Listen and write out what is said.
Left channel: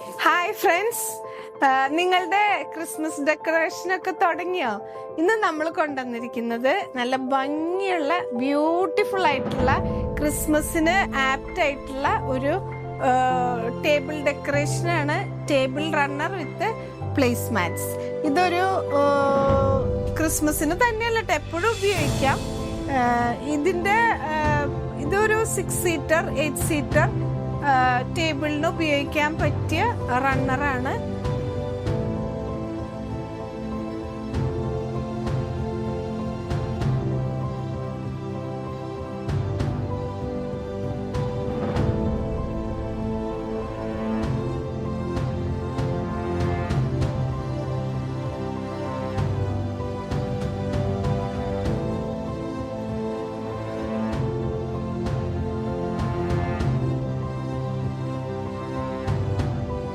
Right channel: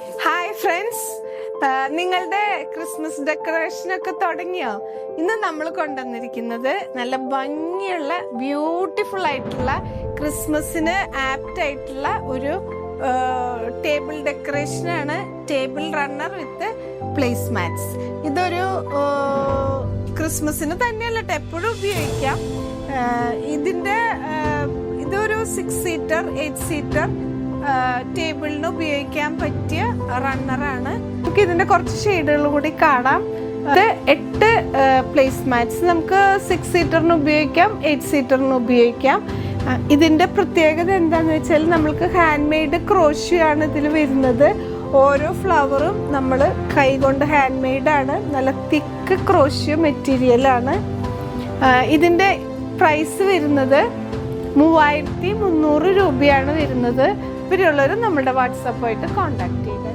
Hi friends, നിങ്ങളുടെ Christmas ഡെക്കറേഷനൊക്കെ തുടങ്ങിയോ? ഇന്ന് നമ്മൾ കൊണ്ടുവന്നിരിക്കുന്നത് നല്ല ഭംഗിയുള്ള ബ്യൂട്ടിഫുൾ ആയിട്ടുള്ള ക്രിസ്മസിന് ആപ്റ്റ് ആയിട്ടുള്ള ഒരു ടേബിൾ ഡെക്കറേഷനാണ്. ടേബിൾ റണ്ണർ വിത്ത് പ്ലേസ് മാറ്റ്സ്. ഇതൊരു ക്രിസ്മസിന് തന്നെയല്ല, എപ്പോഴും ഉപയോഗിക്കാം. ഇതൊരു 6 സീറ്റർ 8 സീറ്റർ ടേബിളിന് ഉപയോഗിക്കാൻ പറ്റിയ റണ്ണറാണ്. നമുക്ക് ഇതിന്റെ കുറച്ച് ഷെയ്ഡുകൾ കൂടി കാണാം. ഇത് 8 പ്ലേസ് മാറ്റ്സ് നമുക്ക് 6 സീറ്ററിന് ഉപയോഗിക്കാം, 8 സീറ്ററിന് ഉപയോഗിക്കാം. ഇതിന്റെ പ്രത്യേകത എന്താണെന്ന് വെച്ചാൽ നമ്മൾക്ക് ഹാൻഡ് മെയ്ഡ് ക്രോഷ്യോ ആണ് ഇതിൽ വരുന്നത്. ഓരോ ഫ്ലവറും നമ്മൾ കൈകൊണ്ട് ഹാൻഡ് മെയ്ഡാണ്. നല്ല തിക്ക് ക്രോഷ്യോ മെറ്റീരിയലാണ്. ഇതിന്റെ പ്രൈസ് വരുന്നത് 3300 രൂപയാണ് വരുന്നത്. ഇവരുള്ളവർ നമ്മുടെ വാട്സാപ്പുമായിട്ട് കോൺടാക്ട് ചെയ്യുക.